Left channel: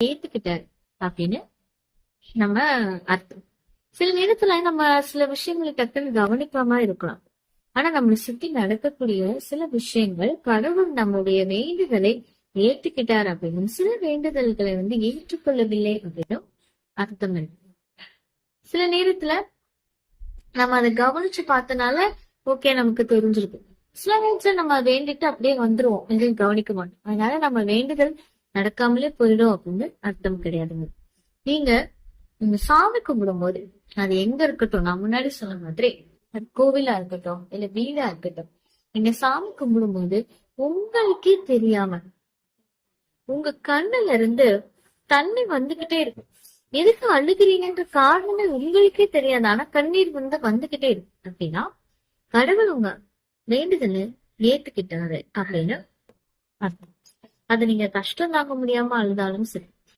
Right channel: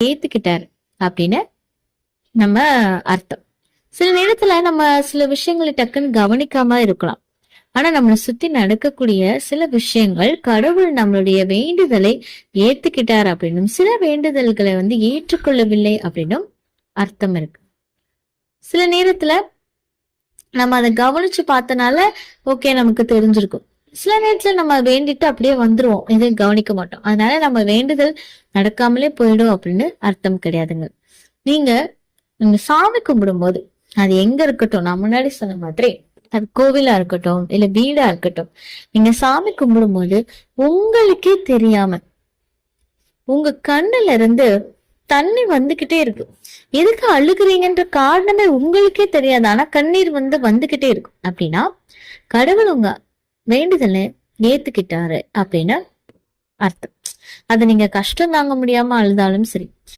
ஏத்துக்கிட்டாரு அப்படின்னு நம்ம அர்த்தம். சில நேரத்துல நம்ம சில விஷயங்களை டக்குன்னு கவனிக்காம இருக்கலாம். ஆனா நம்மளை சுத்தி நடக்கக்கூடிய சில விஷயங்கள் கடவுள் நம்மளுடைய வேண்டுதலை ஏத்துக்கிட்டார் அப்படின்னும், சில வேண்டுதல்களை ஏற்றுக்கொள்ளவில்லை அப்படின்னும் அர்த்தம் இருக்கு. சில நேரத்துல நம்ம அதை கவனிச்சு பார்த்தனால ஓகே நமக்கு தெரிஞ்சிருக்கும். சில நேரத்துல நம்ம வேண்டிட்டு அப்படியே வந்துருவோம், எதையும் கவனிக்க மாட்டோம். அதனால நம்ம வேண்டுதல் நடக்காமலே போயிடும் அப்படின்னு அர்த்தம் கிடையாதுங்க. நீங்க நீங்க சாமி கும்பிடும் போது அது எங்க இருக்கட்டும், நான் முன்னாடி சொன்ன மாதிரி அது கோவிலா இருக்கட்டும் இல்ல வீடா இருக்கட்டும், நீங்க சாமி கும்பிடும் போது உங்களுக்கே தெரியாம உங்க கண்ணுல இருந்து தண்ணி வந்துகிட்டே இருக்கு. எதுக்கு அழுகுறீங்கன்ற காரணமே உங்களுக்கே தெரியாது, ஆனா கண்ணீர் வந்துகிட்டே இருக்கும். அப்படின்னா கடவுள் உங்க வேண்டுதலை ஏத்துக்கிட்டாரு அப்படின்னு அர்த்தம். அது நீங்க கஷ்டம் தாங்க முடியாம அழுதாலும் சரி,